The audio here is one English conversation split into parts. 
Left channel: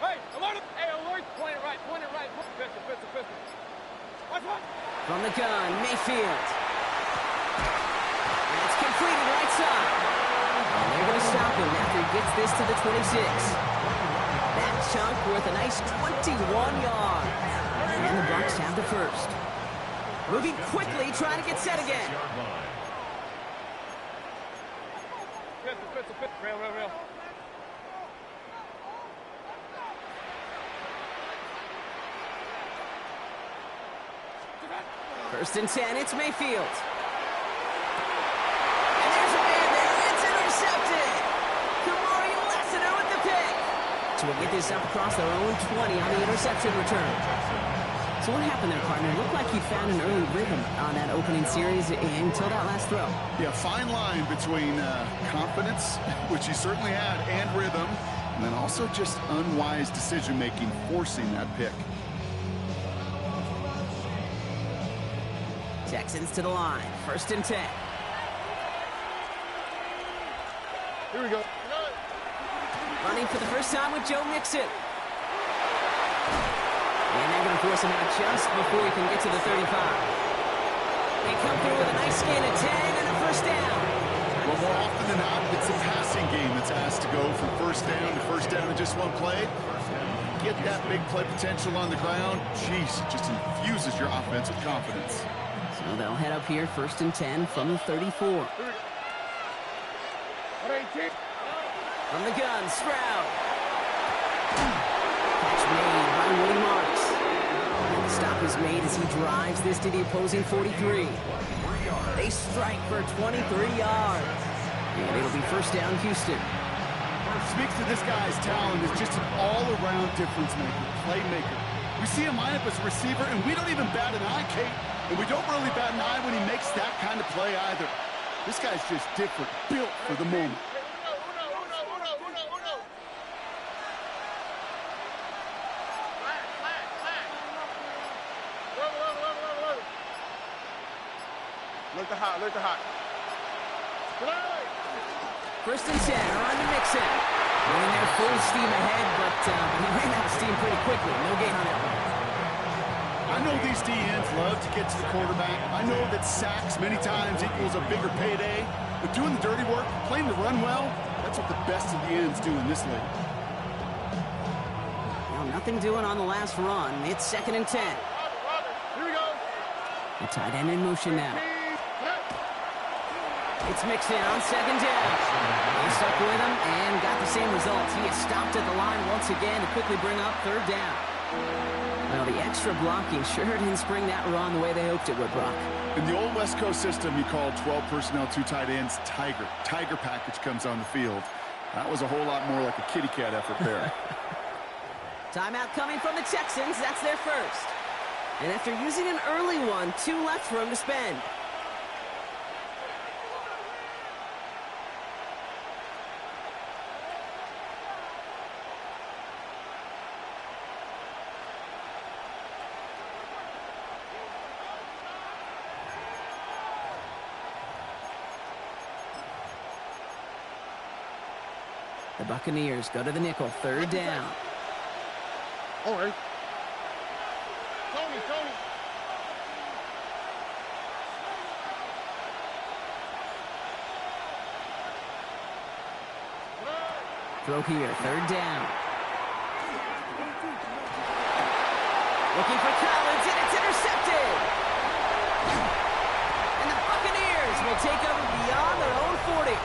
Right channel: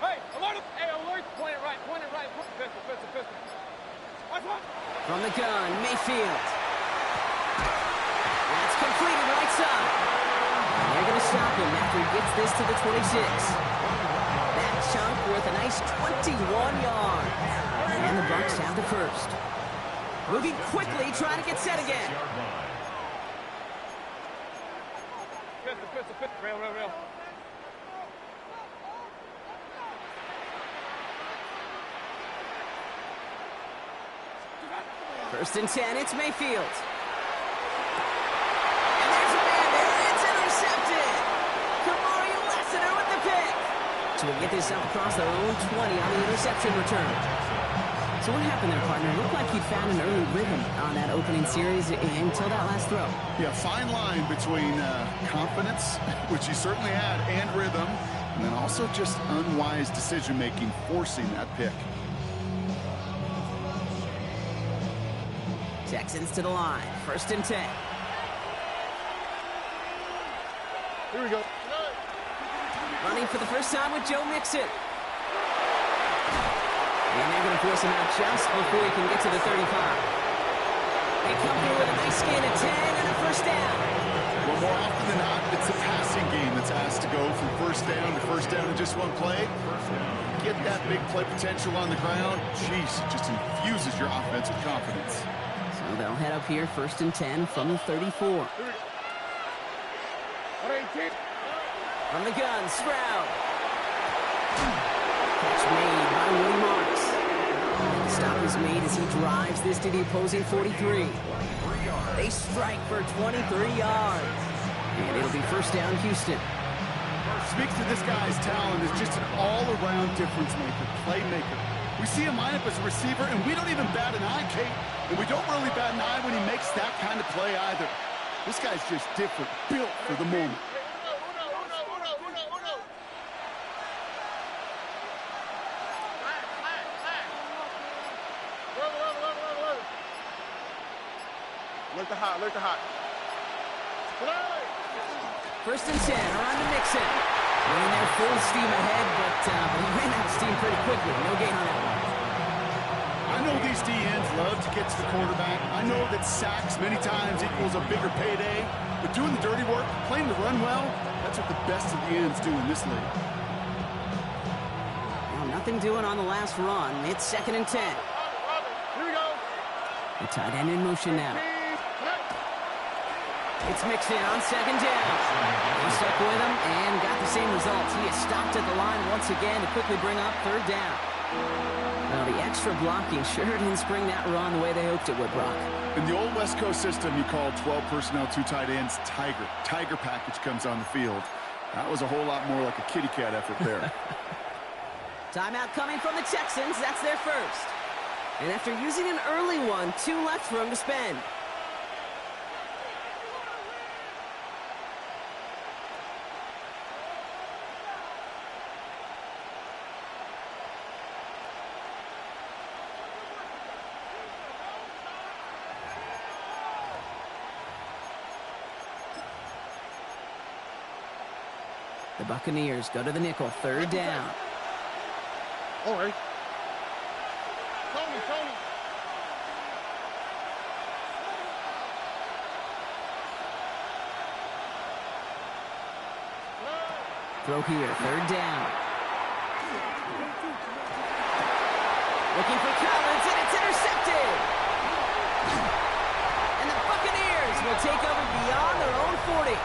Hey, alert him! Hey, alert! Point it right, point it right. Pistol, pistol, pistol. Watch one! From the gun, Mayfield. That's completed right side. And they're going to stop him after he gets this to the 26. That chunk worth a nice 21 yards. And the Bucs have the first. Moving quickly, trying to get set again. Pistol, pistol, pistol. Rail, rail, rail. First and 10, it's Mayfield. And there's a man there. It's intercepted. Kamari Lassiter with the pick. So we get this up across their own 20 on the interception return. So what happened there, partner? It looked like he found an early rhythm on that opening series until that last throw. Yeah, fine line between confidence, which he certainly had, and rhythm, and then also just unwise decision-making, forcing that pick. Texans to the line. First and 10. Here we go. Running for the first time with Joe Mixon. And they're going to force him out just before he can get to the 35. They come through with a nice gain of 10 and a first down. Well, more often than not, it's a passing game that's asked to go from first down in just one play. Get that big play potential on the ground. Jeez, it just infuses your offense with confidence. So they'll head up here, first and 10 from the 34. From the gun, Stroud. Catch made by Woody Marks. And the stop is made as he drives this to the opposing 43. They strike for 23 yards. And it'll be first down, Houston. Speaks to this guy's talent as just an all-around difference maker, playmaker. We see him line up as a receiver, and we don't even bat an eye, Kate. And we don't really bat an eye when he makes that kind of play either. This guy's just different, built for the moment. Look the hot, look the hot. First and 10, around to Mixon. Running there full steam ahead, but he ran out of steam pretty quickly. No gain on that one. I know these DNs love to get to the quarterback. I know that sacks many times equals a bigger payday. But doing the dirty work, playing the run well, that's what the best of the ends do in this league. Now, nothing doing on the last run. It's second and 10. Here we go. The tight end in motion now. It's Mixon on second down. He stuck with him and got the same results. He is stopped at the line once again to quickly bring up third down. Well, the extra blocking sure didn't spring that run the way they hoped it would, Brock. In the old West Coast system, you called 12 personnel, 2 tight ends, Tiger. Tiger package comes on the field. That was a whole lot more like a kitty cat effort there. Timeout coming from the Texans. That's their first. And after using an early one, 2 left for him to spend. The Buccaneers go to the nickel, third down. All right. Tony. Throw here, third down. Looking for Collins, and it's intercepted. And the Buccaneers will take over beyond their own 40.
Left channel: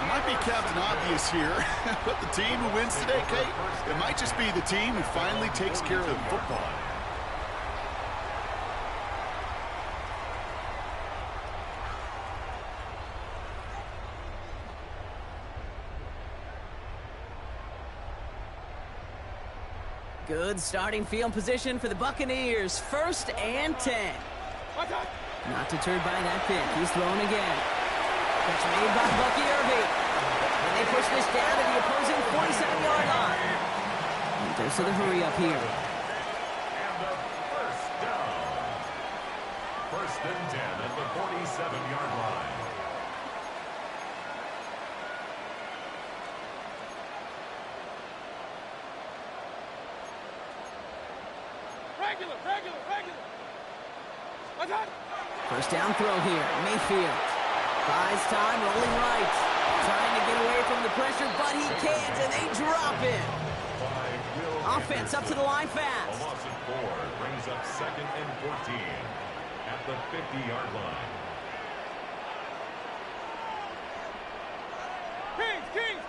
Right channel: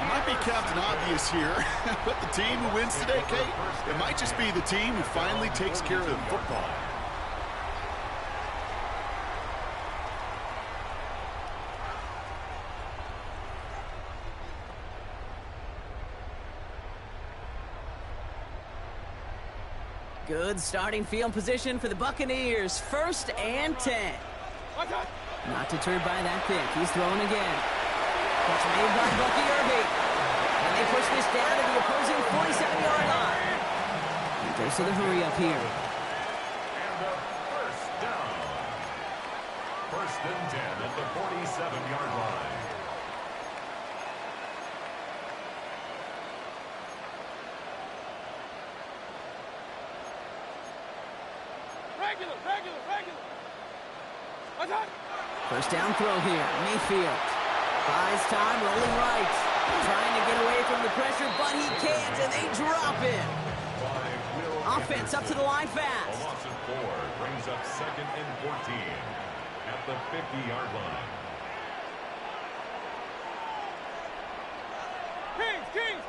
It might be Captain Obvious here, but the team who wins today, Kate, it might just be the team who finally takes care of the football. Good starting field position for the Buccaneers. First and 10. Not deterred by that pick. He's throwing again. Catch made by Bucky Irving. And they push this down to the opposing 47-yard line. And there's the hurry up here. And a first down. First and 10 at the 47-yard line. Regular. Attack. First down throw here. Mayfield buys time, rolling right. Trying to get away from the pressure, but he can't, and they drop him. Offense up to the line fast. A loss of 4 brings up 2nd and 14 at the 50-yard line. Kings.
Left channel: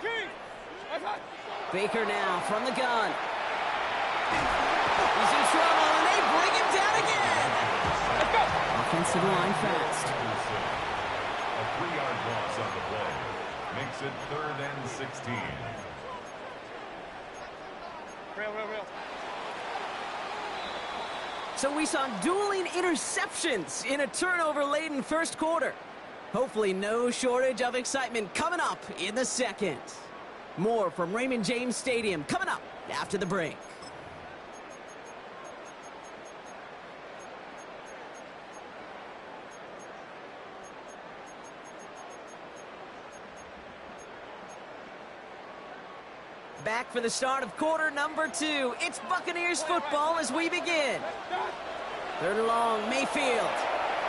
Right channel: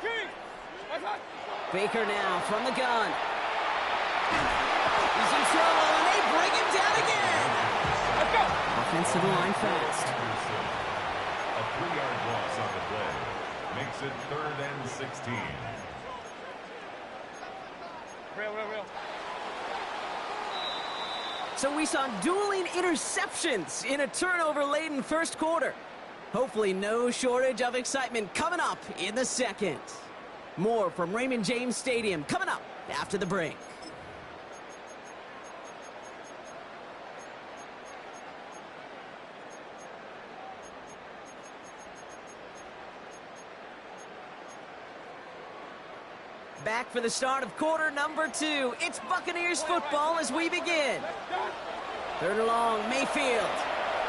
Attack. Baker now from the gun. He's in trouble, and they bring him down again. Let's go. Offense to the line fast. A 3-yard loss on the play makes it 3rd and 16. Real. So we saw dueling interceptions in a turnover-laden first quarter. Hopefully no shortage of excitement coming up in the second. More from Raymond James Stadium coming up after the break. Back for the start of quarter number 2. It's Buccaneers football as we begin. 3rd and long, Mayfield.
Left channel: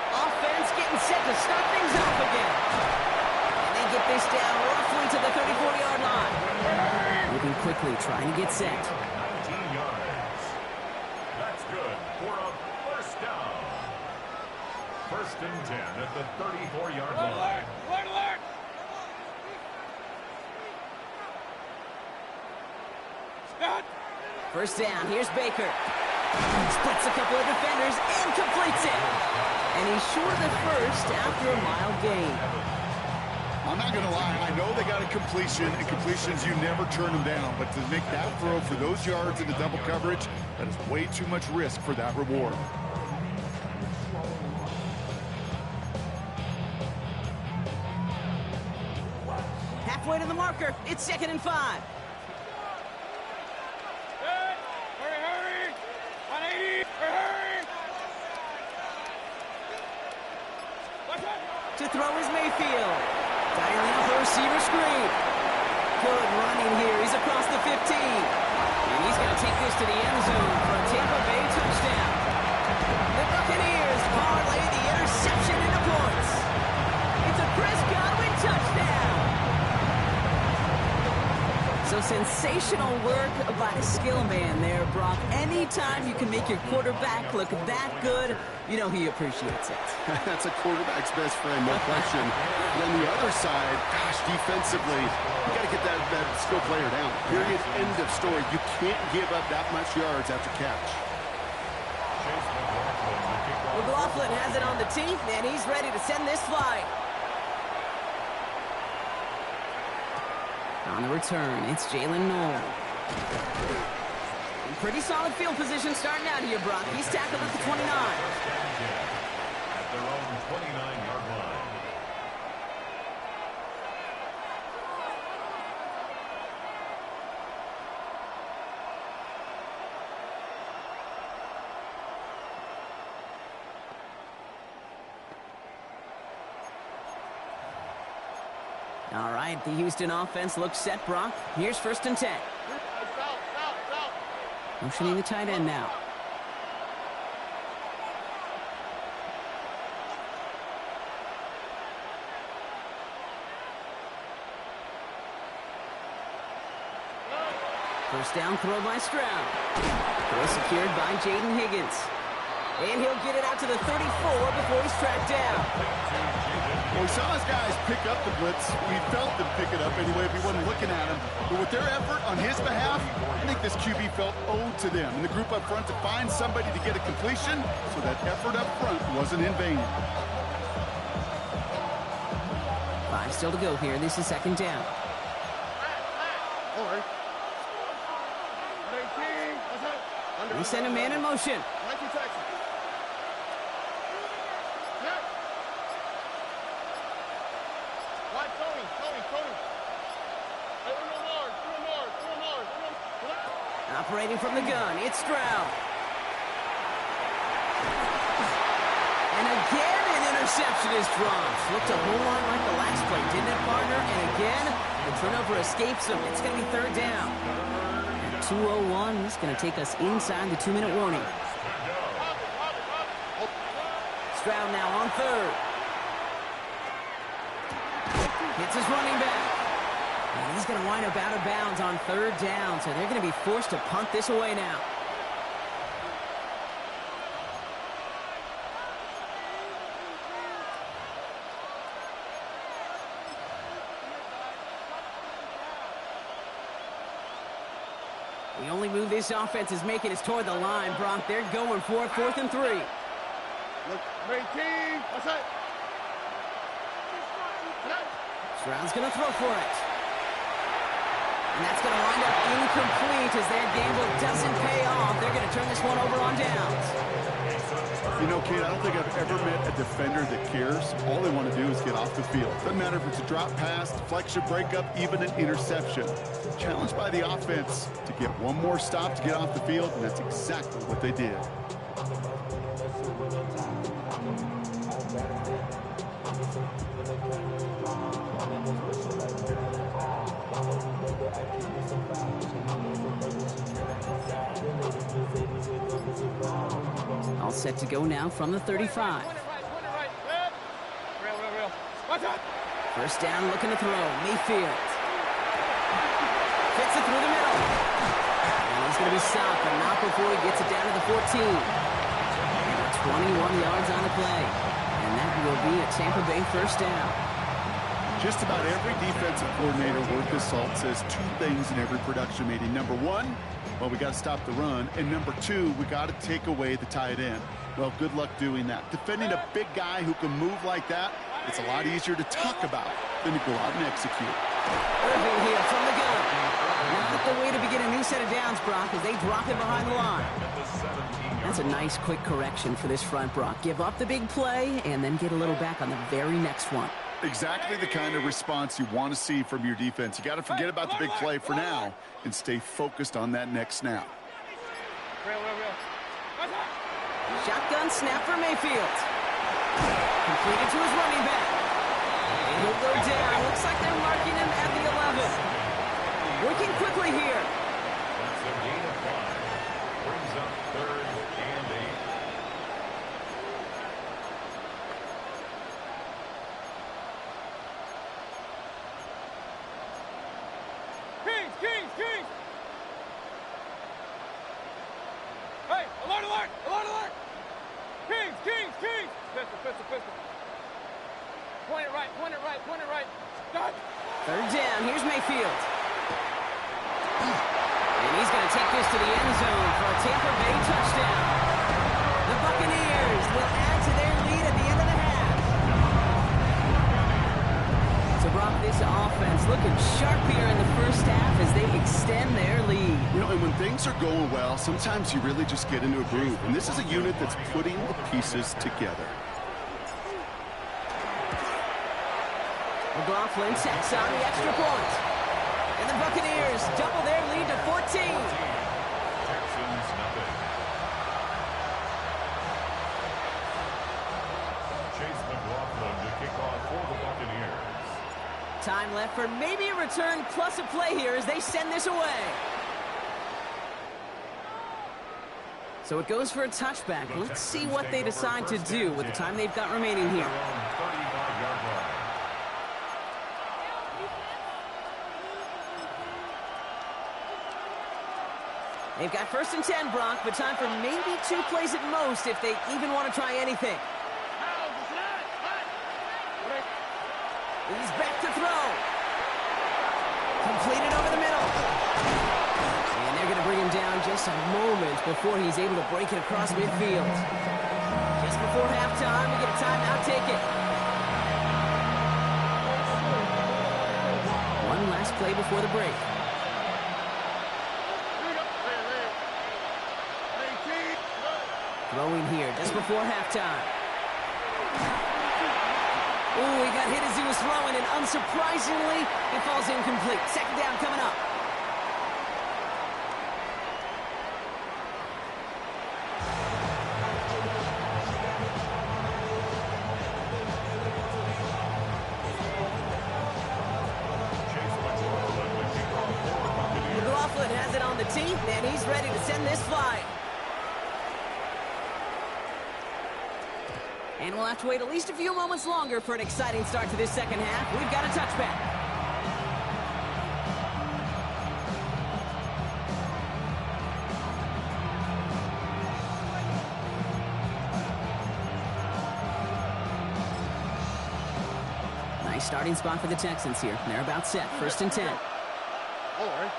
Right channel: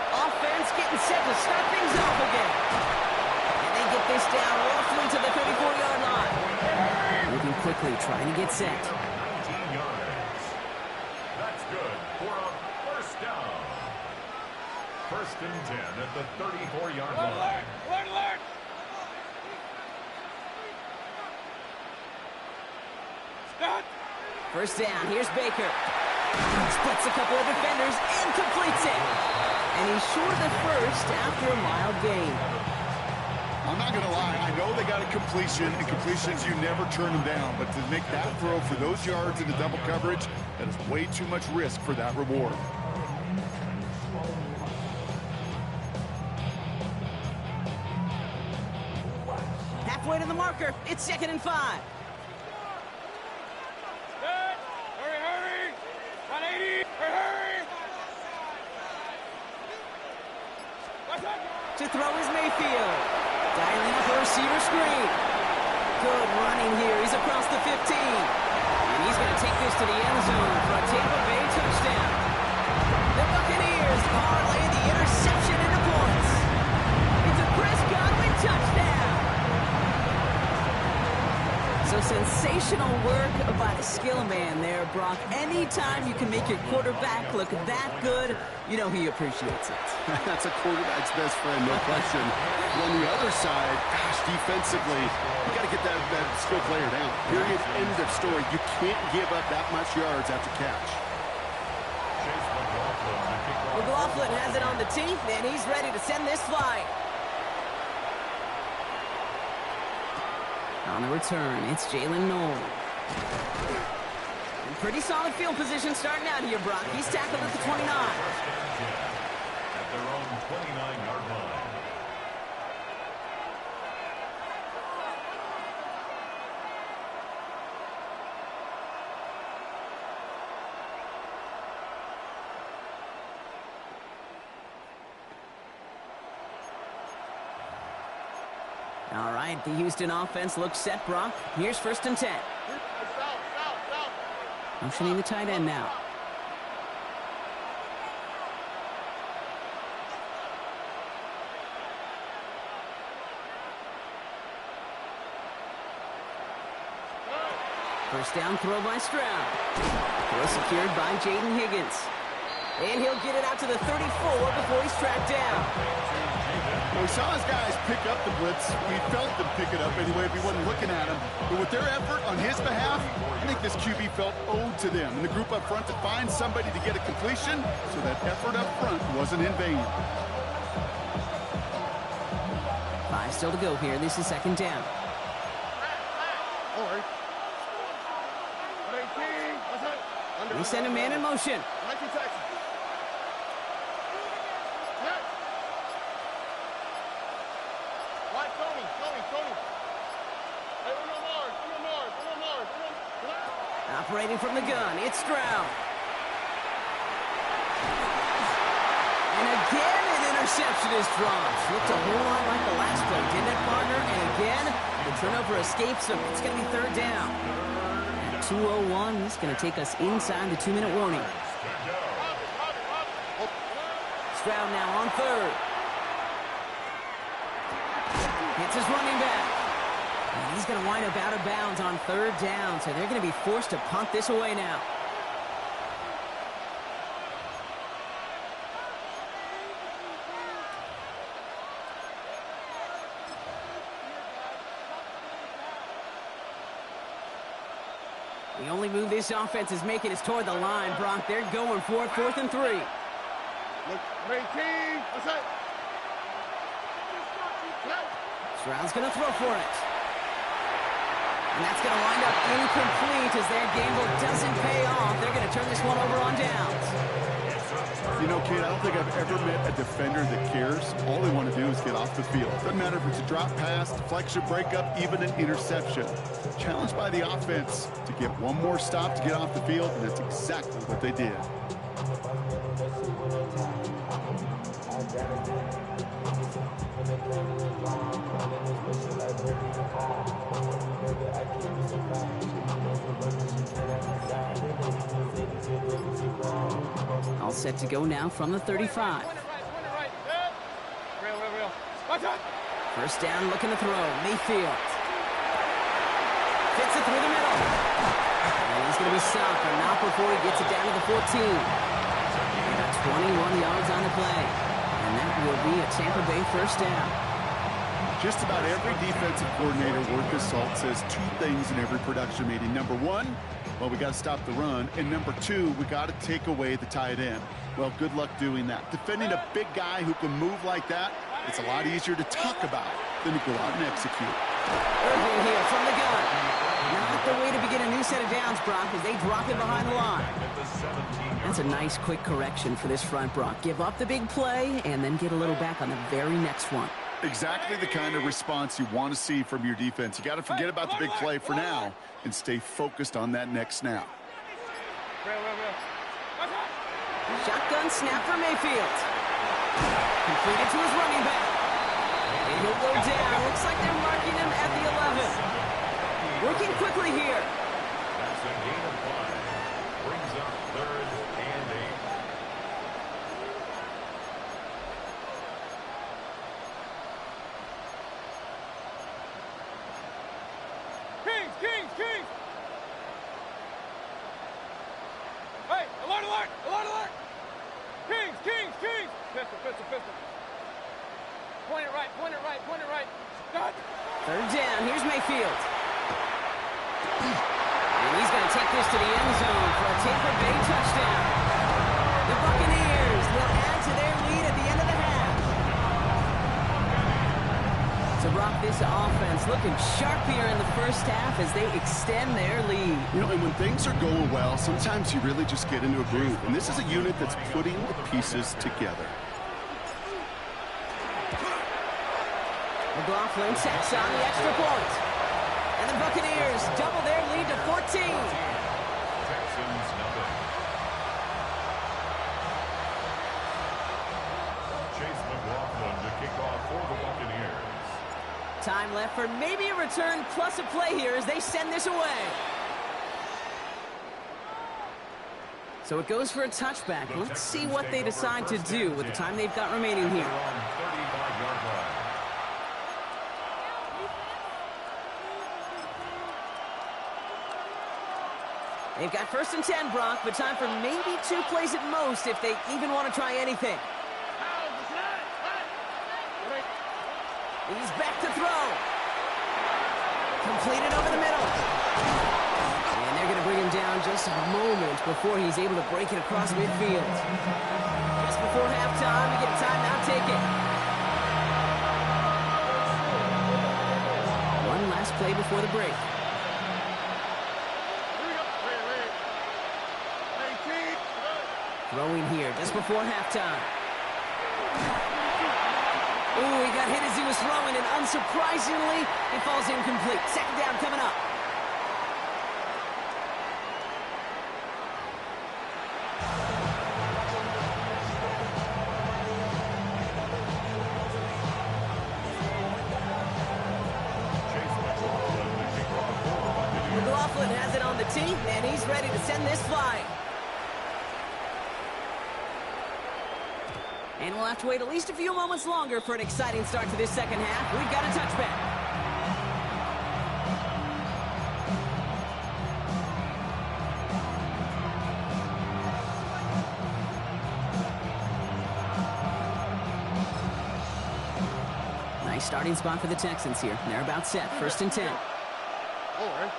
Offense getting set to start things off again. And they get this down roughly to the 34-yard line. Moving quickly, trying to get set. 19 yards. That's good for a first down. 1st and 10 at the 34-yard line. Alert. Start. First down, here's Baker. Splits a couple of defenders and completes it. And he's short of the first after a mild gain. I'm not going to lie. I know they got a completion, and completions, you never turn them down. But to make that throw for those yards into double coverage, that is way too much risk for that reward. Halfway to the marker. It's 2nd and 5. Hurry. 180. Hurry. To throw is Mayfield. Dialing up a receiver screen. Good running here. He's across the 15. And he's going to take this to the end zone for a Tampa Bay touchdown. The Buccaneers parlay the interception into points. It's a Chris Godwin touchdown. So sensational work by the skill man there, Brock. Anytime you can make your quarterback look that good, you know he appreciates it. That's a quarterback's best friend, no question. But on the other side, gosh, defensively, you got to get that skill player down. Period, end of story. You can't give up that much yards after catch. McLaughlin has it on the tee, and he's ready to send this flying. On the return, it's Jalen Noel. In pretty solid field position starting out here, Brock. He's tackled at the 29. At their own 29-yard line. All right, the Houston offense looks set, Brock. Here's 1st and 10. Motioning the tight end now. First down throw by Stroud. Throw secured by Jaden Higgins. And he'll get it out to the 34 before he's tracked down. Well, we saw his guys pick up the blitz. We felt them pick it up anyway if we wasn't looking at him. But with their effort on his behalf, I think this QB felt owed to them and the group up front to find somebody to get a completion, so that effort up front wasn't in vain. 5 still to go here. This is 2nd down. We send a man in motion. Operating from the gun, it's Stroud. And again, an interception is dropped. Looked a whole lot like the last play, didn't it, partner? And again, the turnover escapes him. It's going to be 3rd down. At 2:01, he's going to take us inside the 2-minute warning. ground now on third. Hits his running back. And he's going to wind up out of bounds on third down, so they're going to be forced to punt this away now. The only move this offense is making is toward the line, Brock. They're going for it, 4th and 3. Look, team. What's that? Stroud's going to throw for it. And that's going to wind up incomplete as their gamble doesn't pay off. They're going to turn this one over on downs. You know, kid, I don't think I've ever met a defender that cares. All they want to do is get off the field. Doesn't matter if it's a drop pass, deflection, breakup, even an interception. Challenged by the offense to get one more stop to get off the field, and that's exactly what they did. All set to go now from the 35. Real. First down, looking to throw. Mayfield. Fits it through the middle. And he's going to be stopped, but not before he gets it down to the 14. About 21 yards on the play. And that will be a Tampa Bay first down. Just about every defensive coordinator worth his salt says two things in every production meeting. Number one, well, we got to stop the run. And number two, we got to take away the tight end. Well, good luck doing that. Defending a big guy who can move like that, it's a lot easier to talk about than to go out and execute. Irving here from the gun. Not the way to begin a new set of downs, Brock, as they drop it behind the line. That's a nice quick correction for this front, Brock. Give up the big play and then get a little back on the very next one. Exactly the kind of response you want to see from your defense. You got to forget about the big play for now and stay focused on that next snap. Real. Shotgun snap for Mayfield. Completed to his running back. And he'll go down. Looks like they're marking him at the 11. Working quickly here. That's a gain of 5. Brings up 3rd and 8. Kings! Hey, alert! Kings! Pistol. Point it right. Done. Third down. Here's Mayfield. And he's going to take this to the end zone for a Tampa Bay touchdown. The Buccaneers will add to their lead at the end of the half. So, Brock, this offense looking sharp here in the first half as they extend their lead. You know, and when things are going well, sometimes you really just get into a groove. And this is a unit that's putting the pieces together. McLaughlin tacks on the extra point. And the Buccaneers double their lead to 14. Texans nothing. Chase McLaughlin to kick off for the Buccaneers. Time left for maybe a return plus a play here as they send this away. So it goes for a touchback. Let's see what they decide to do with the time they've got remaining here. 35-yard line. They've got 1st and 10, Brock, but time for maybe 2 plays at most if they even want to try anything. He's back to throw. Completed over the middle. And they're going to bring him down just a moment before he's able to break it across midfield. Just before halftime, we get a timeout ticket. One last play before the break. Throwing here just before halftime. Ooh, he got hit as he was throwing, and unsurprisingly, it falls incomplete. 2nd down coming up. McLaughlin has it on the tee, and he's ready to send this flying. And we'll have to wait at least a few moments longer for an exciting start to this second half. We've got a touchback. Nice starting spot for the Texans here. They're about set. 1st and 10. All right.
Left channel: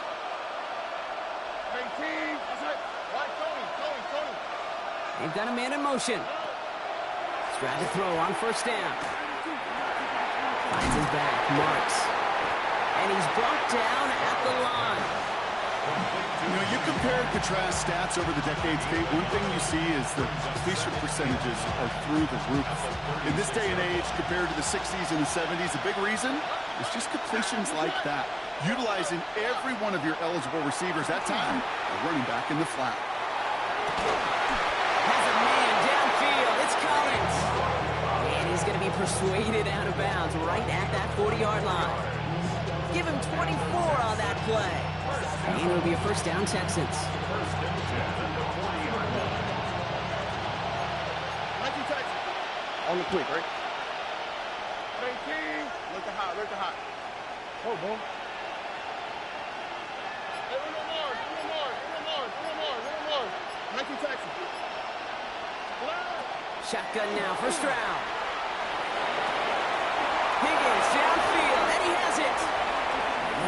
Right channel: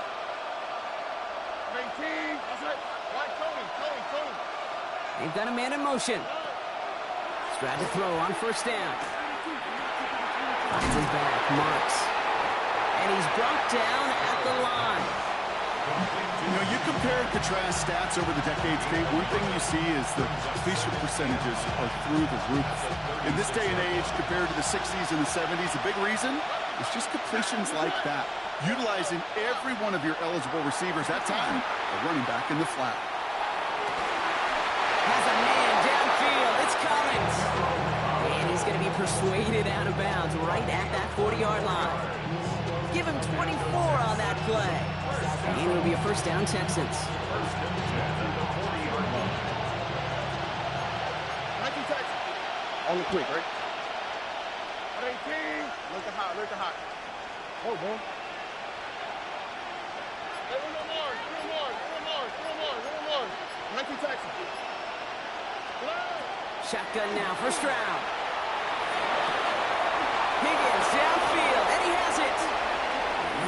19. That's right. Right, Tony. They've got a man in motion. Stroud to throw on 1st down. Finds his back, marks. And he's brought down at the line. You know, you compare and contrast stats over the decades, Kate. One thing you see is the completion percentages are through the roof. In this day and age, compared to the 60s and the 70s, the big reason is just completions like that. Utilizing every one of your eligible receivers that time, a running back in the flat. Has a man downfield. It's Collins. And he's going to be persuaded out of bounds right at that 40-yard line. Give him 24 on that play. And it'll be a 1st down, Texans. 19 Texans. On the quick, right? 18. Look at hot. Oh, boy. Hey, Uno Mars. 19 Texans. Shotgun now for Stroud. Higgins downfield, and he has it.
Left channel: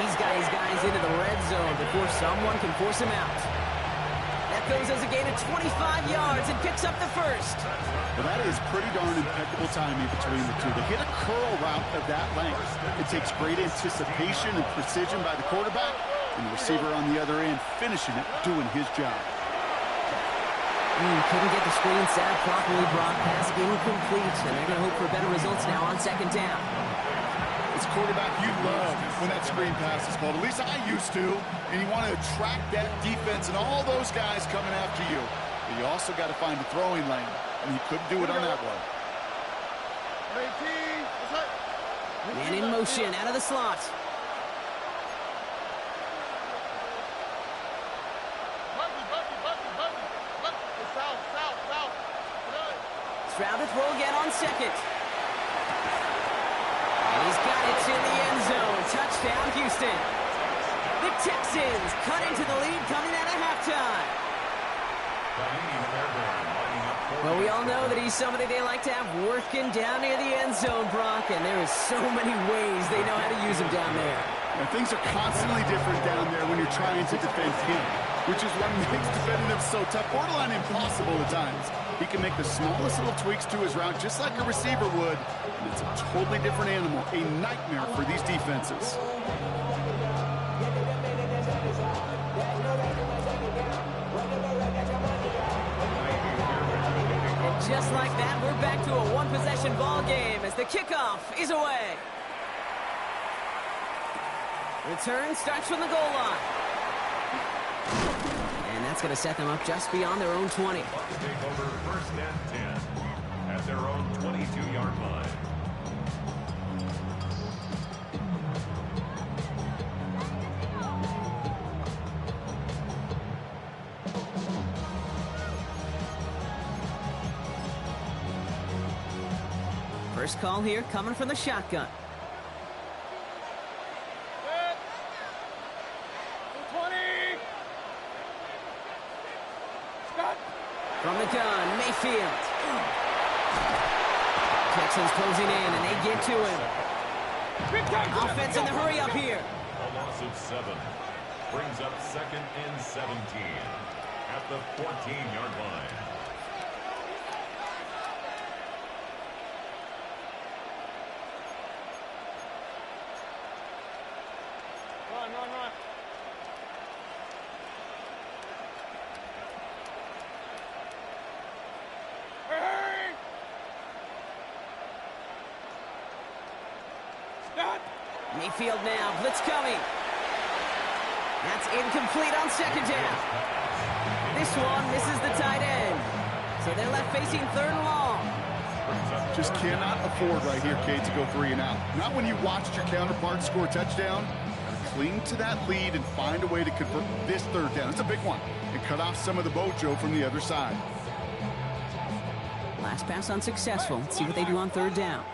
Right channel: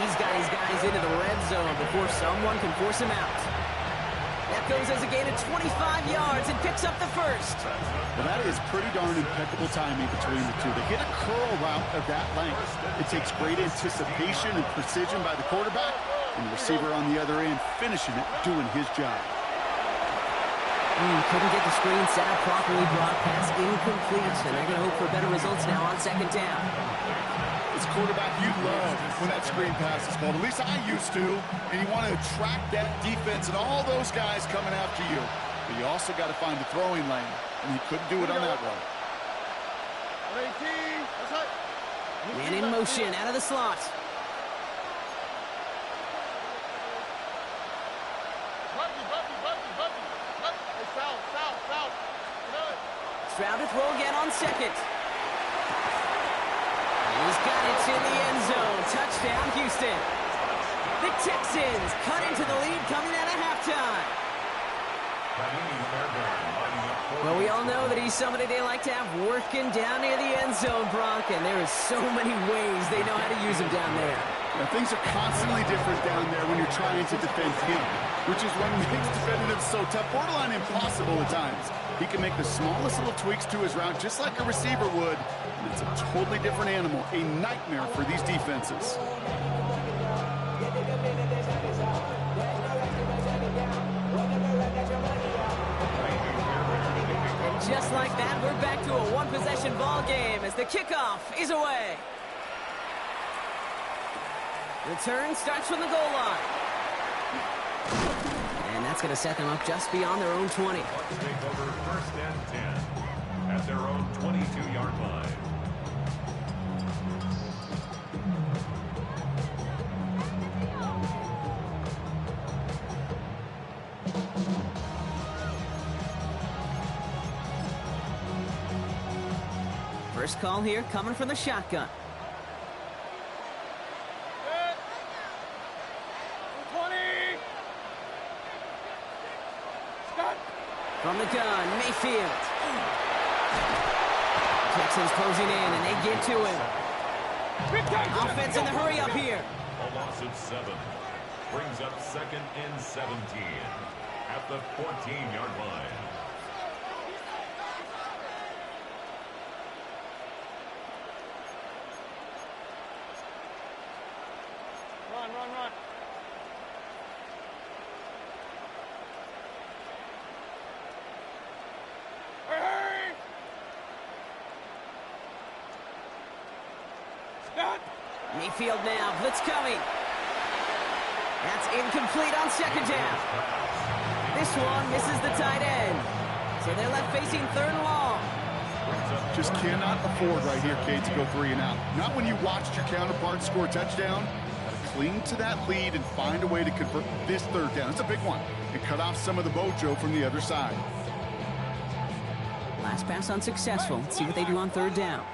He's got his guys into the red zone before someone can force him out. That goes as a gain of 25 yards and picks up the 1st. Well, that is pretty darn impeccable timing between the two. To hit a curl route of that length, it takes great anticipation and precision by the quarterback, and the receiver on the other end finishing it, doing his job. Couldn't get the screen set up properly, Brock. Pass incomplete, and they're going to hope for better results now on 2nd down. As a quarterback, you love when that screen pass is called. At least I used to. And you want to attract that defense and all those guys coming after you. But you also got to find a throwing lane, and he couldn't do it on that one. 18. That's right. Man in motion out of the slot. South. Stroud to throw again on 2nd. And he's got it in the end zone. Touchdown, Houston. The Texans cut into the lead coming out of halftime. Well, we all know that he's somebody they like to have working down near the end zone, Brock, and there is so many ways they know how to use him down there. Now, things are constantly different down there when you're trying to defend him, which is what makes defending him so tough, borderline impossible at times. He can make the smallest little tweaks to his route just like a receiver would, and it's a totally different animal, a nightmare for these defenses. And just like that, we're back to a one-possession ball game as the kickoff is away. Return starts from the goal line. And that's going to set them up just beyond their own 20. Bucks take over 1st and 10 at their own 22-yard line. First call here coming from the shotgun. From the gun, Mayfield. Texans closing in, and they get to him. Offense in the hurry up here. A loss of 7 brings up 2nd and 17 at the 14-yard line. Run. Hurry! Stop! Mayfield now, blitz coming. That's incomplete on 2nd down. This one misses the tight end. So they're left facing 3rd and long. Just cannot afford right here, Kate, to go 3 and out. Not when you watched your counterpart score a touchdown. Got to cling to that lead and find a way to convert this 3rd down. It's a big one. And cut off some of the mojo from the other side. Last pass unsuccessful. Let's see what they do on third down.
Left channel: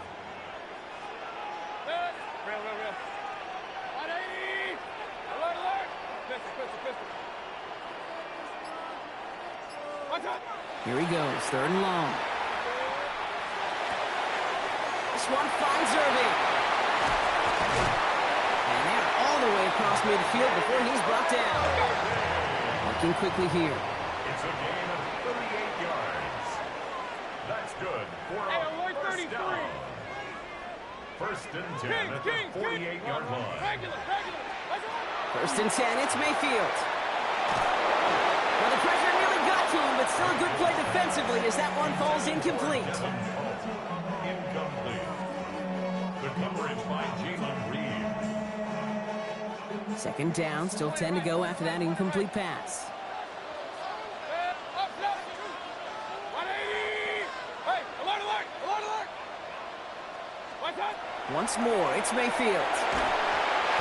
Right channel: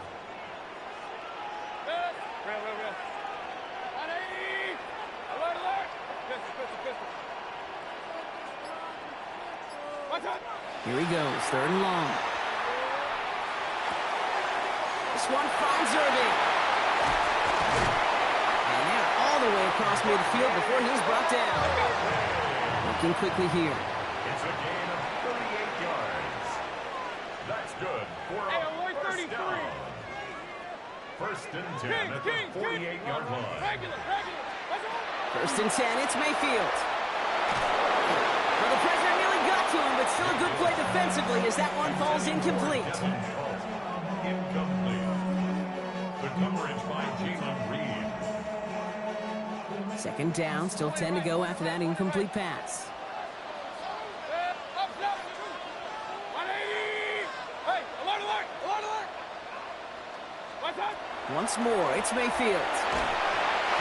Real. 180! Alert! Pistol. Watch out! Here he goes, third and long. This one finds Irving. And they're all the way across midfield before he's brought down. Working quickly here. It's a gain of 38 yards. That's good for a first down. First and 10 at the 48-yard line. Regular. First and 10, it's Mayfield. Well, the pressure nearly got to him, but still a good play defensively as that one falls incomplete. Incomplete. The coverage by Jalen Reed. Second down, still 10 to go after that incomplete pass. 180! Hey, alert! Watch out! Once more, it's Mayfield.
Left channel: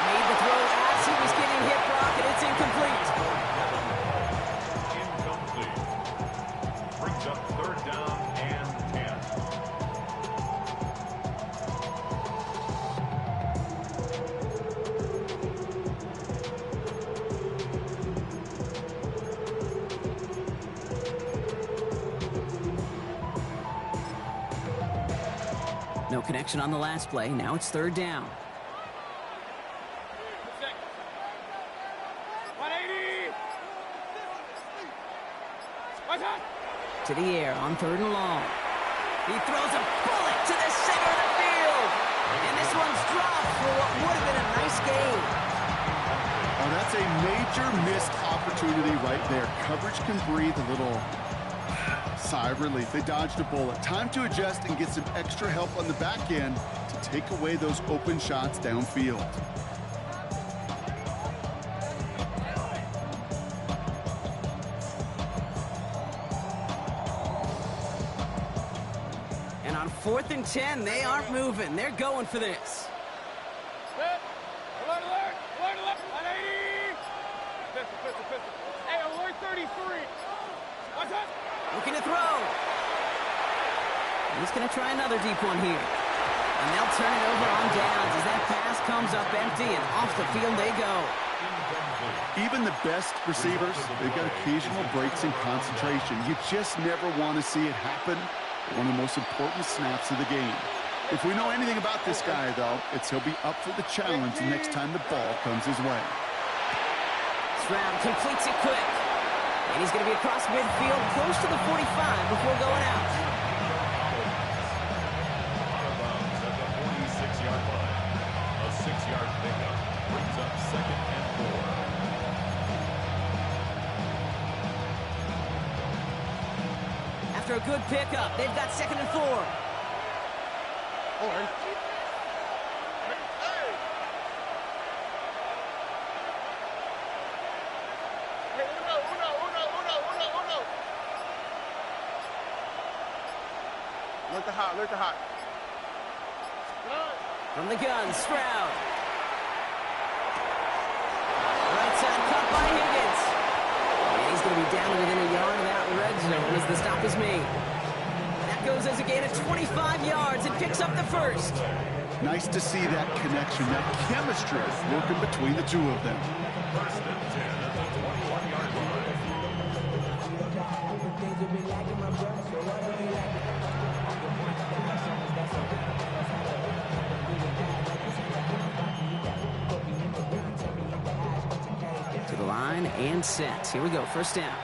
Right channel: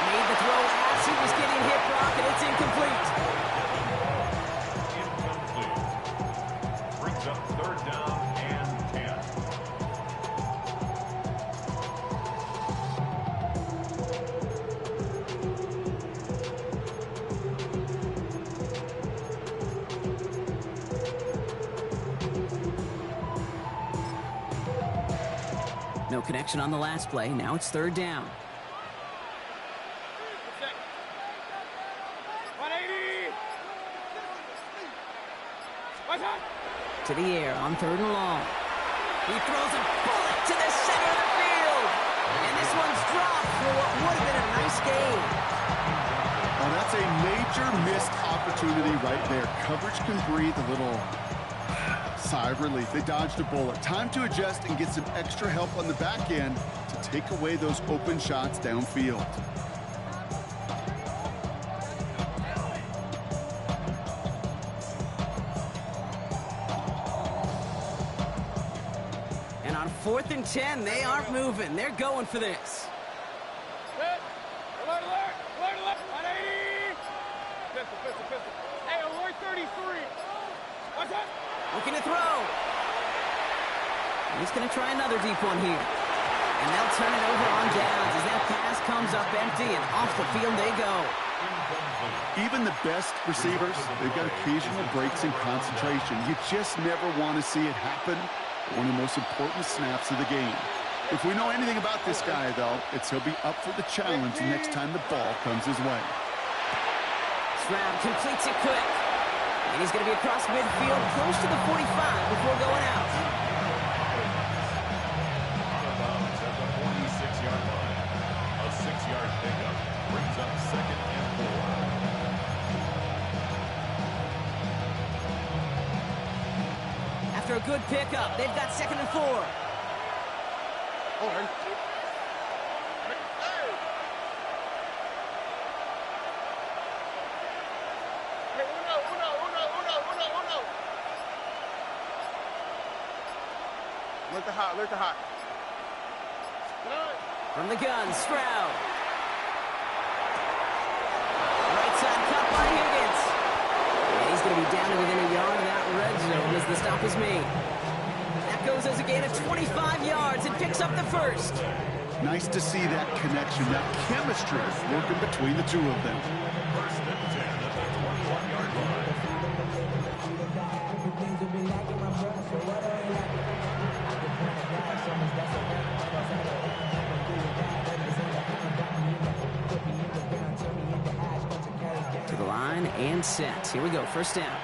Made the throw as he was getting hit, Brock, and it's incomplete. Incomplete. Brings up third down and 10. No connection on the last play. Now it's third down. 180! Watch out! To the air on third and long. He throws a bullet to the center of the field. And this one's dropped for what would have been a nice gain. Oh, that's a major missed opportunity right there. Coverage can breathe a little sigh of relief. They dodged a bullet. Time to adjust and get some extra help on the back end to take away those open shots downfield. And on 4th and 10, they aren't moving. They're going for this. Alert! 180! Pistol. Hey, alert 33! Watch out! Looking to throw. And he's going to try another deep one here. And they'll turn it over on downs as that pass comes up empty and off the field they go. Even the best receivers, they've got occasional breaks in concentration. You just never want to see it happen. One of the most important snaps of the game. If we know anything about this guy, though, it's he'll be up for the challenge the next time the ball comes his way. Stroud completes it quick. And he's going to be across midfield close to the 45 before going out. Out of bounds at the 46-yard line. A 6-yard pickup brings up second and 4. After a good pickup, they've got second and 4. Hold on. Alert the hot. From the gun, Stroud. Right side cut by Higgins. And he's going to be down to within a yard of that red zone as the stop is made. That goes as a gain of 25 yards and picks up the first. Nice to see that connection, that chemistry working between the two of them. First and 10 at the 21-yard line. To the line and set. Here we go, first down.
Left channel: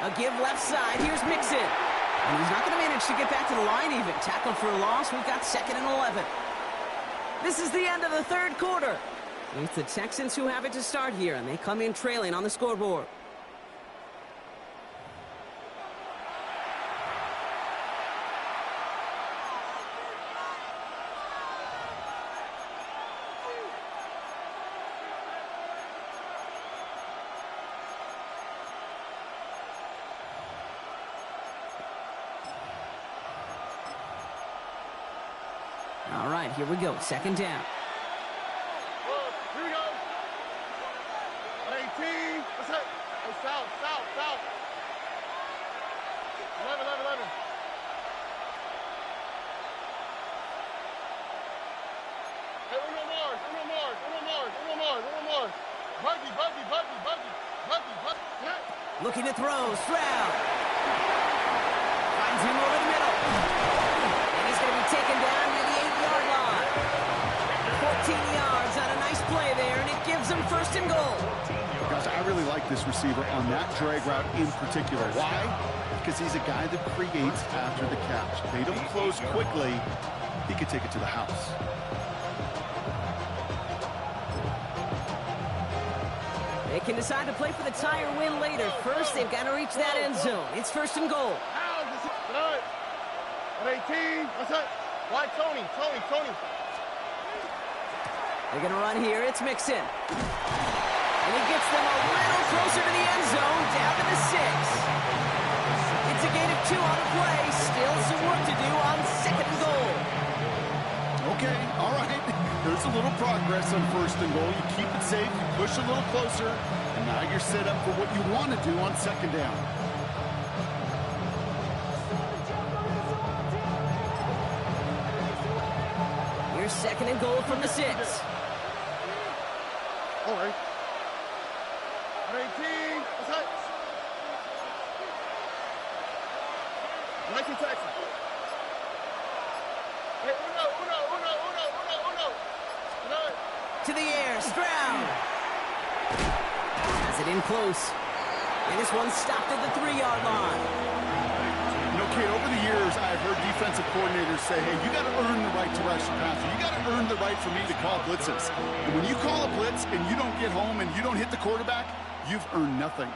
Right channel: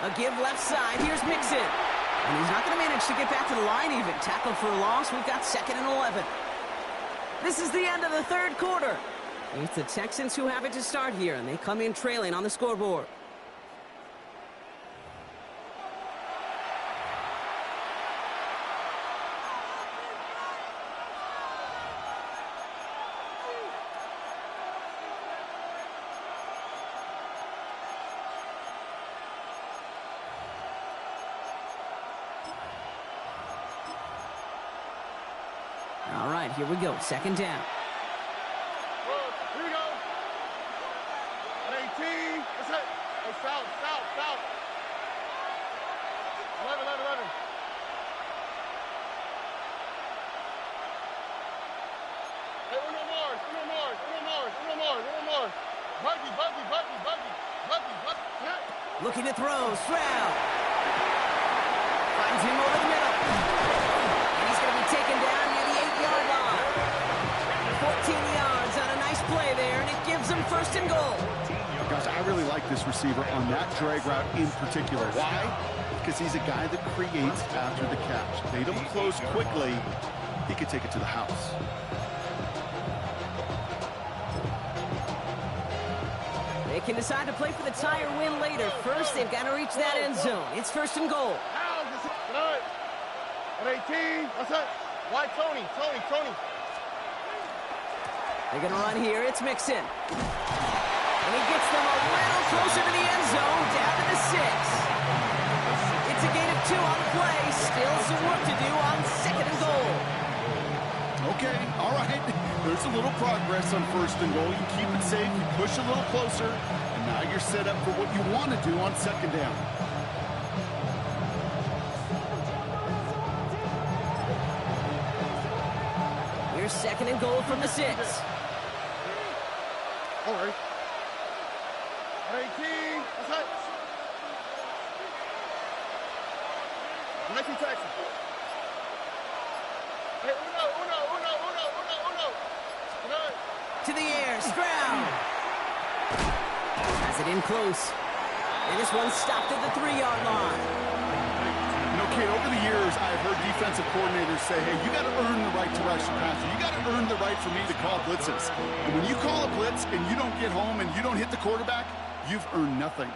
A give left side. Here's Mixon. And he's not going to manage to get back to the line even. Tackled for a loss. We've got second and 11. This is the end of the third quarter. It's the Texans who have it to start here, and they come in trailing on the scoreboard. All right, here we go. Second down. Here we go. 118. What's that? Hey, south. 11. Hey, uno more. Buggy. Looking to throw, Stroud. Finds him over the middle. And he's going to be taken down near the 8-yard line. 14 yards on a nice play there, and it gives them first and goal. Gosh, I really like this receiver on that drag route in particular. Why? Because he's a guy that creates after the catch. They don't close quickly. He could take it to the house. They can decide to play for the tie or win later. First, they've got to reach that end zone. It's first and goal. At 18, what's that? Why Tony? They're going to run here. It's Mixon. And he gets them a little closer to the end zone, down to the 6. It's a gain of 2 on the play. Still some work to do on second and goal. Okay, all right. There's a little progress on first and goal. You keep it safe, you push a little closer, and now you're set up for what you want to do on second down. Here's second and goal from the 6. All right. At 18, what's that? 19 Texas. Hey, uno. To the air, Stroud. Has it in close. And this one stopped at the 3-yard line. You know, Kate, over the years, I've heard defensive coordinators say, hey, you got to earn the right to rush the passer. You got to earn the right for me to call blitzes. And when you call a blitz and you don't get home and you don't hit the quarterback, you've earned nothing.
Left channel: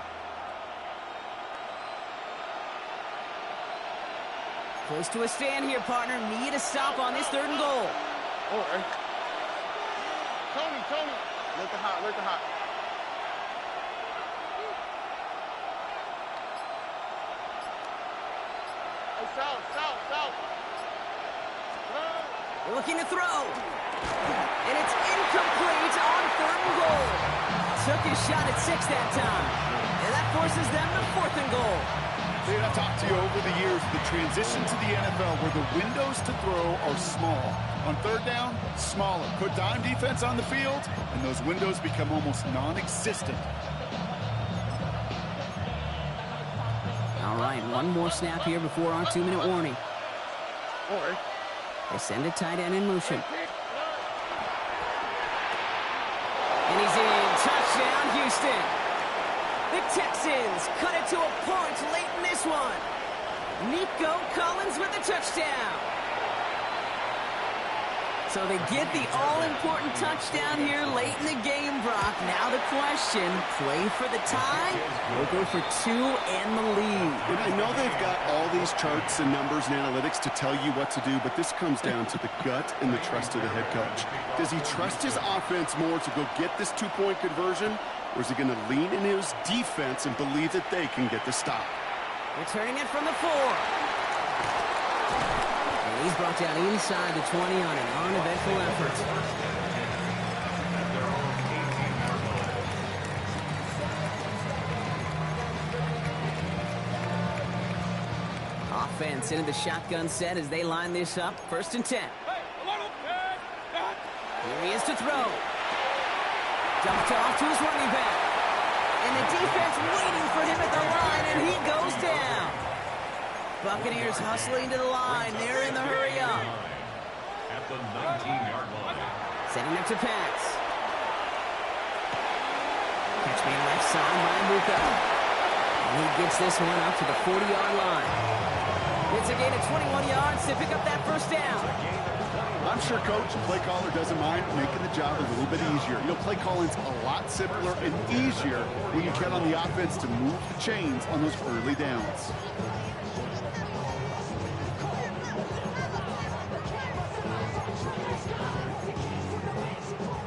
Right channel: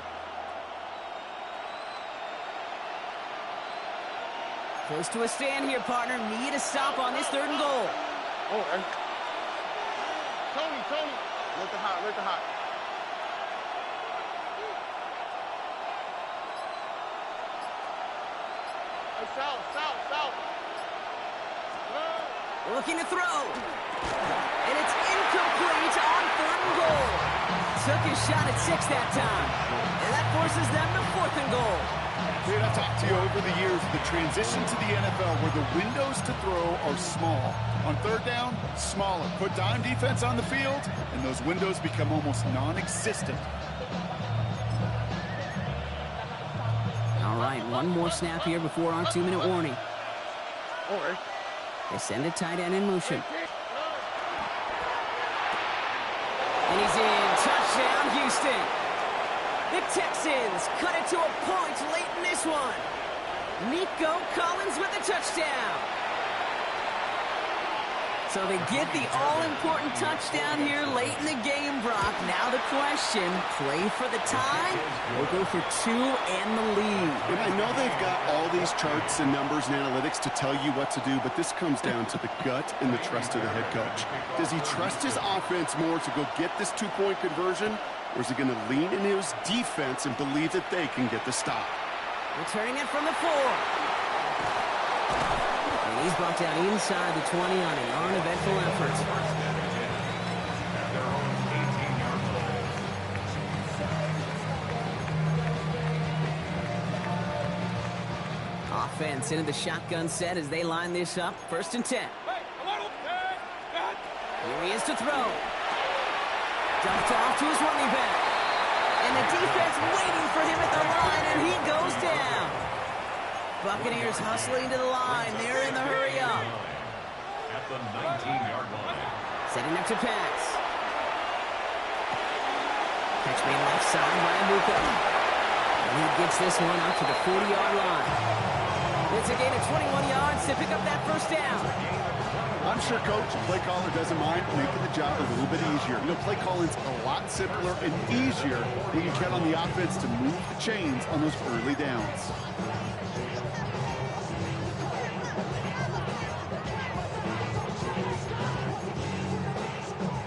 Close to a stand here, partner. Need a stop on this third and goal. All right. Tony. Let the hot. Hey, south. They're looking to throw. And it's incomplete on third and goal. Took his shot at 6 that time. And that forces them to fourth and goal. Dude, I've talked to you over the years, the transition to the NFL where the windows to throw are small. On third down, smaller. Put dime defense on the field, and those windows become almost non-existent. All right, one more snap here before our 2-minute warning. All right. They send a tight end in motion. And he's in. Touchdown, Houston. The Texans cut it to a point late in this one. Nico Collins with the touchdown. So they get the all-important touchdown here late in the game, Brock. Now the question, play for the tie or go for 2 and the lead? And I know they've got all these charts and numbers and analytics to tell you what to do, but this comes down to the gut and the trust of the head coach. Does he trust his offense more to go get this 2-point conversion, or is he going to lean in his defense and believe that they can get the stop? Returning it from the 4. And he's brought down inside the 20 on an uneventful effort. At their own 18-yard line. Offense into the shotgun set as they line this up. First and 10. Here he is to throw. Dumped off to his running back. And the defense waiting for him at the line, and he goes down. Buccaneers hustling to the line. They're in the hurry up. At the 19-yard line. Setting up to pass. Catch made left side by Abuka. And he gets this one up to the 40-yard line. It's a gain of 21 yards to pick up that first down. I'm sure Coach, play caller, doesn't mind making the job a little bit easier. You know, play calling's a lot simpler and easier when you count on the offense to move the chains on those early downs.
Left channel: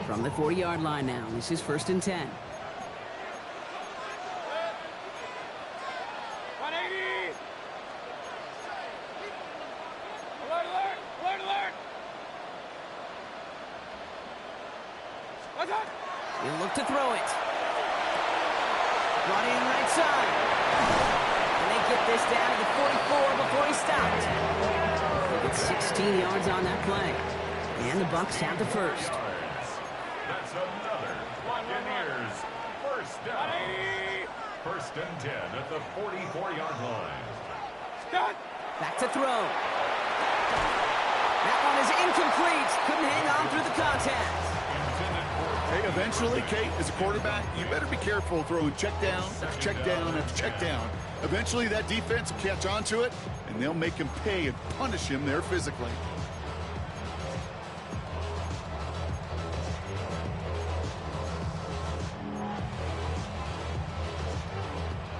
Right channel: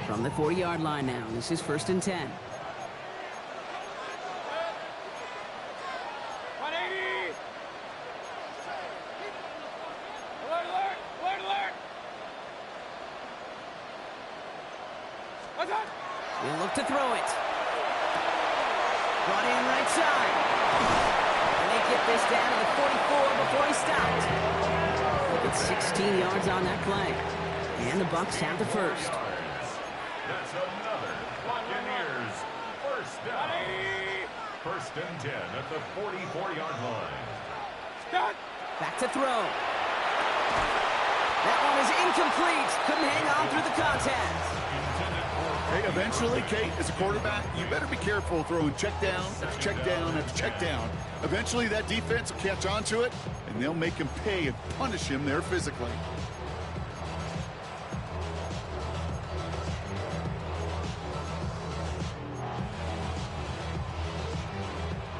From the 40-yard line now, this is first and 10. 180. Alert. He'll look to throw it. Brought in right side. And they get this down to the 44 before he stopped. Look at 16 yards on that play. And the Bucs have the first. That's another Buccaneers first down. First and 10 at the 44-yard line. Start. Back to throw. That one is incomplete. Couldn't hang on through the contact. Hey, eventually, Kate, as a quarterback, you better be careful throwing check down after check down after check down. Eventually, that defense will catch on to it, and they'll make him pay and punish him there physically.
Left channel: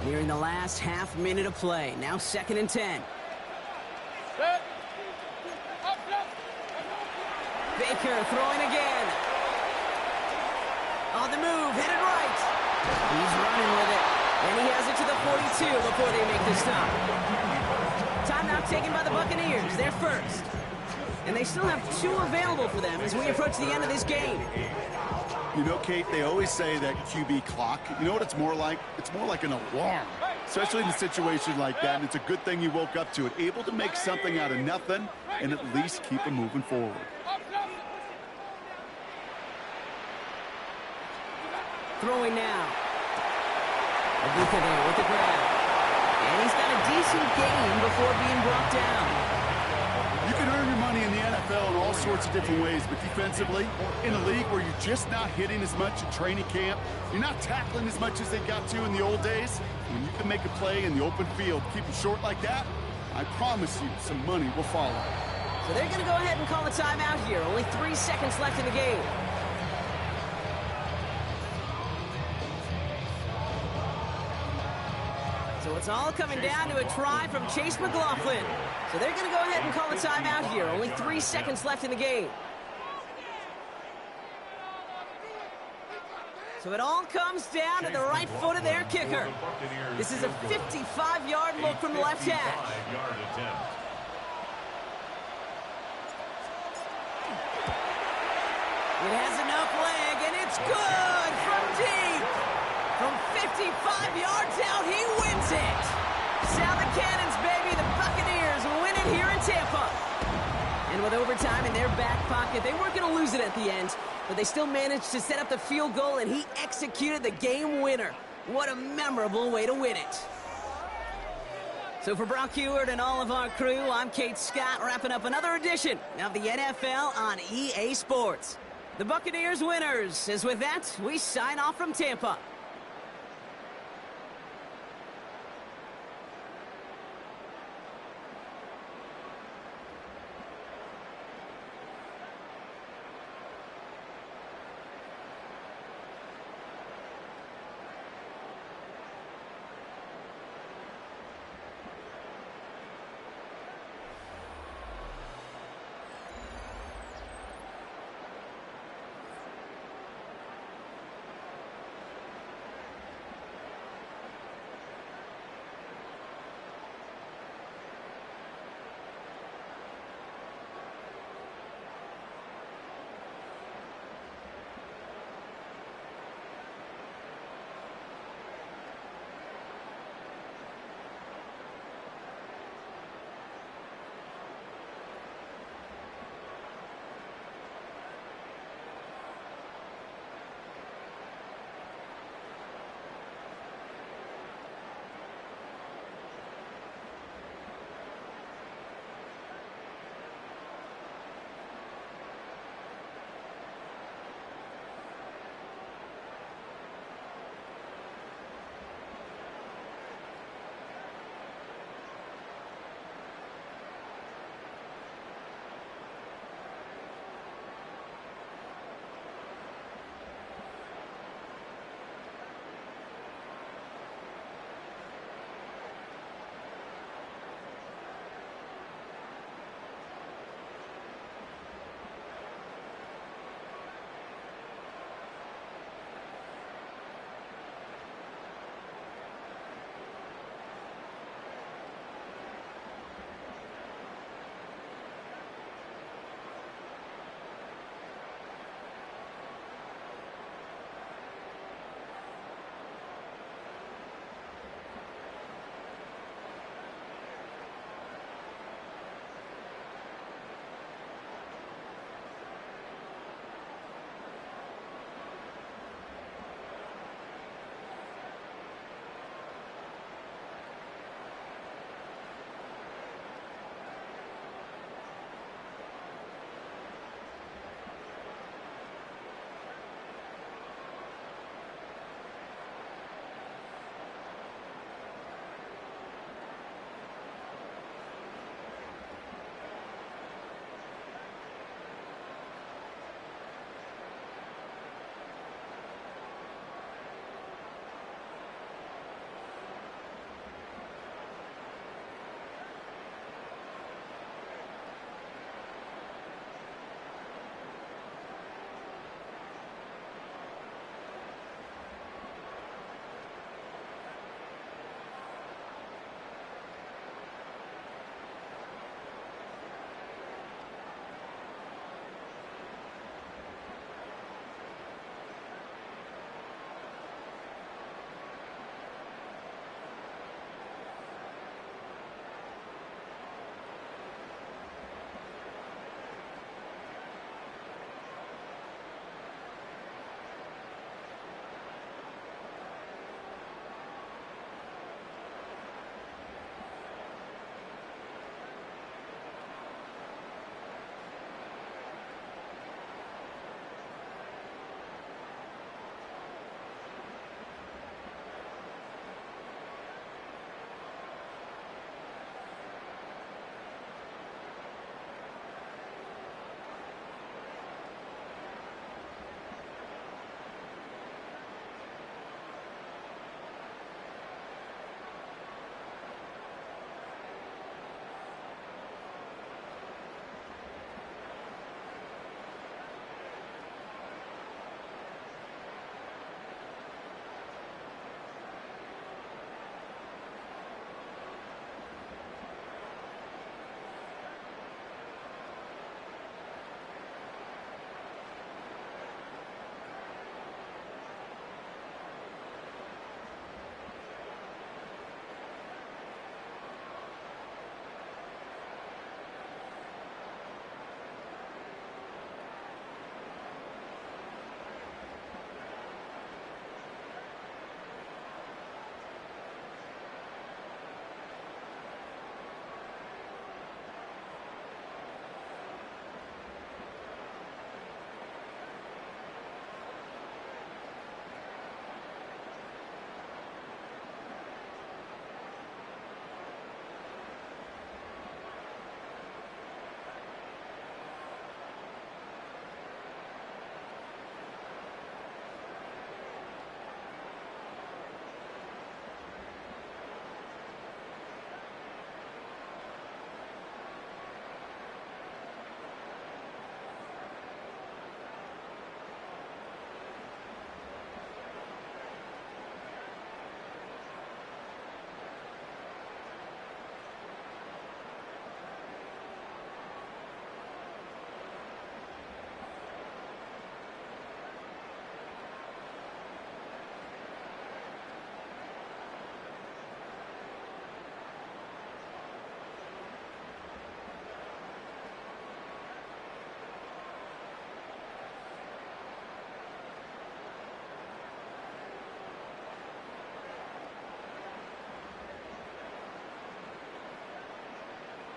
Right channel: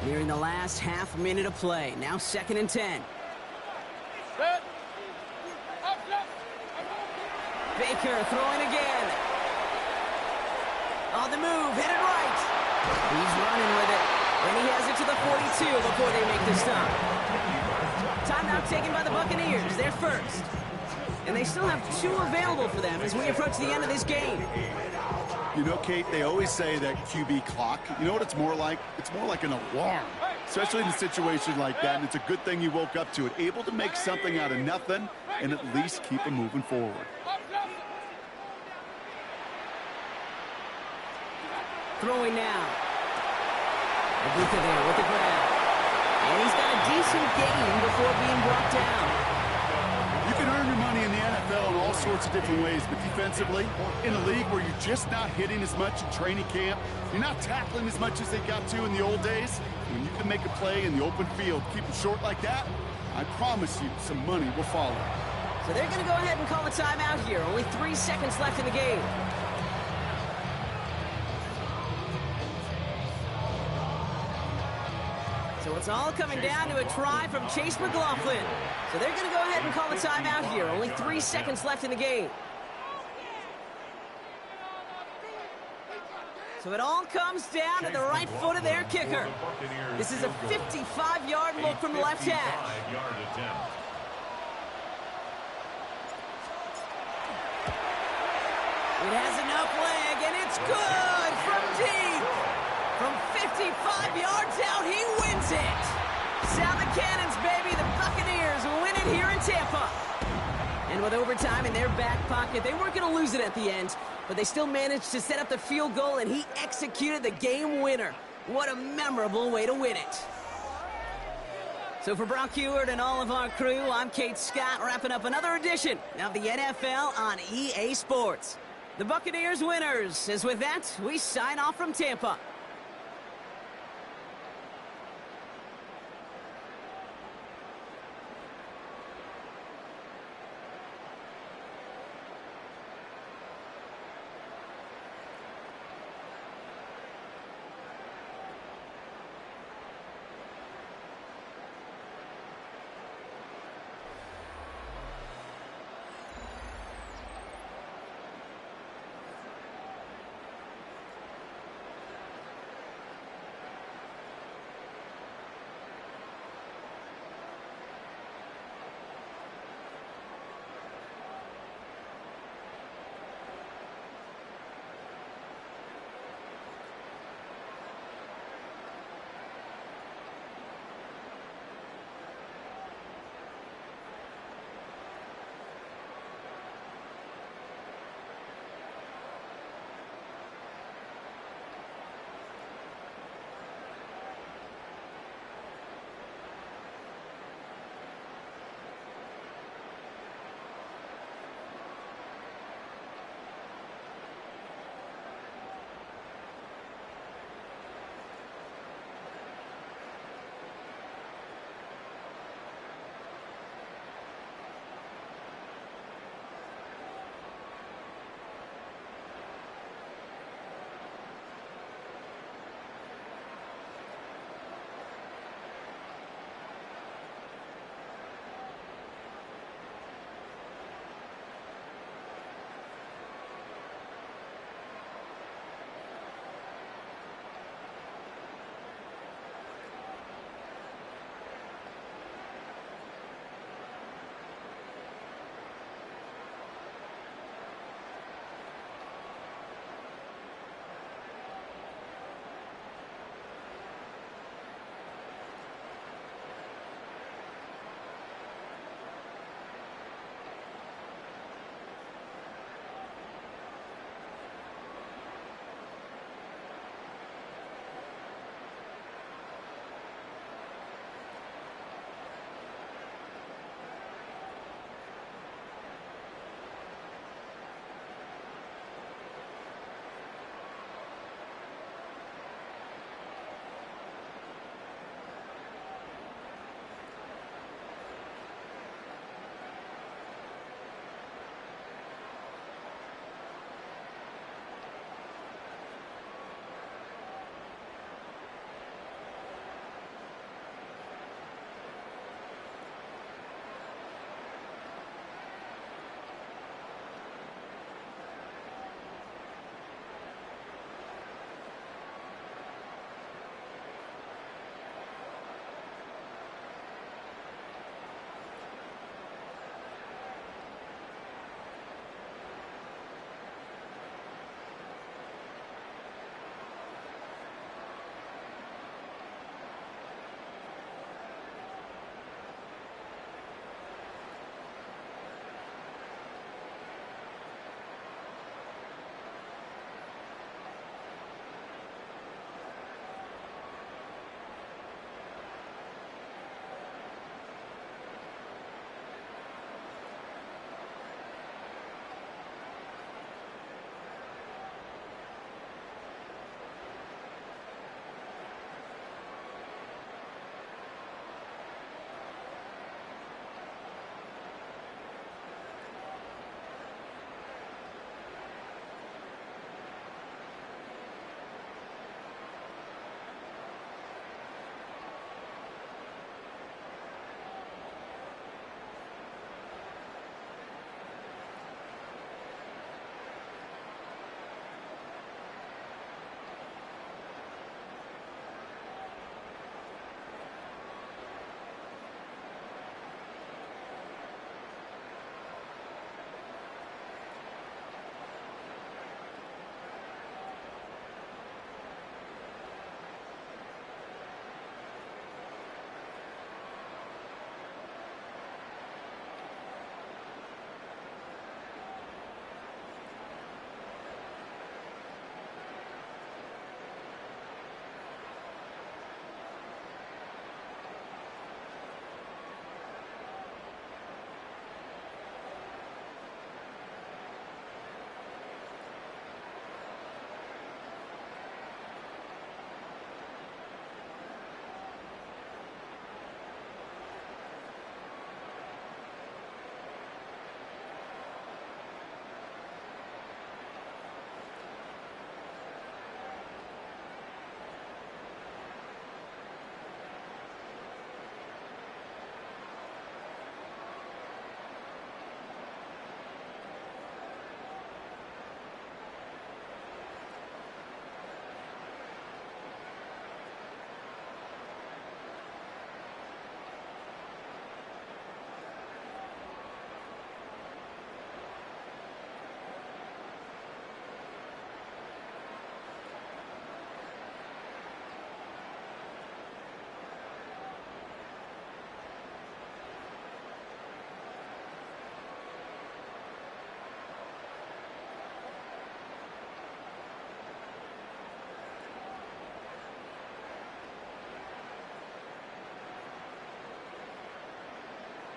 Nearing the last half minute of play. Now 2nd and 10. Set. Up. Baker throwing again. On the move, headed right. He's running with it. And he has it to the 42 before they make the stop. Timeout taken by the Buccaneers. They're first. And they still have 2 available for them as we approach the end of this game. You know, Kate, they always say that QB clock. You know what it's more like? It's more like an alarm, especially in a situation like that. And it's a good thing you woke up to it, able to make something out of nothing and at least keep them moving forward. Throwing now. Abuka there with the grab. And he's got a decent gain before being brought down. You can earn your money in the NFL in all sorts of different ways, but defensively, in a league where you're just not hitting as much in training camp, you're not tackling as much as they got to in the old days, when you can make a play in the open field, keep it short like that, I promise you some money will follow. So they're going to go ahead and call a timeout here. Only 3 seconds left in the game. So it's all coming down to a try from Chase McLaughlin. So they're going to go ahead and call a timeout here. Only 3 seconds left in the game. So it all comes down to the right foot of their kicker. This is a 55-yard look from the left hash. It has enough leg, and it's good from deep. From 55 yards out, he wins it. Sound the cannons, baby. The Buccaneers win it here in Tampa. And with overtime in their back pocket, they weren't going to lose it at the end, but they still managed to set up the field goal, and he executed the game winner. What a memorable way to win it. So for Brock Heward and all of our crew, I'm Kate Scott, wrapping up another edition of the NFL on EA Sports. The Buccaneers winners. As with that, we sign off from Tampa.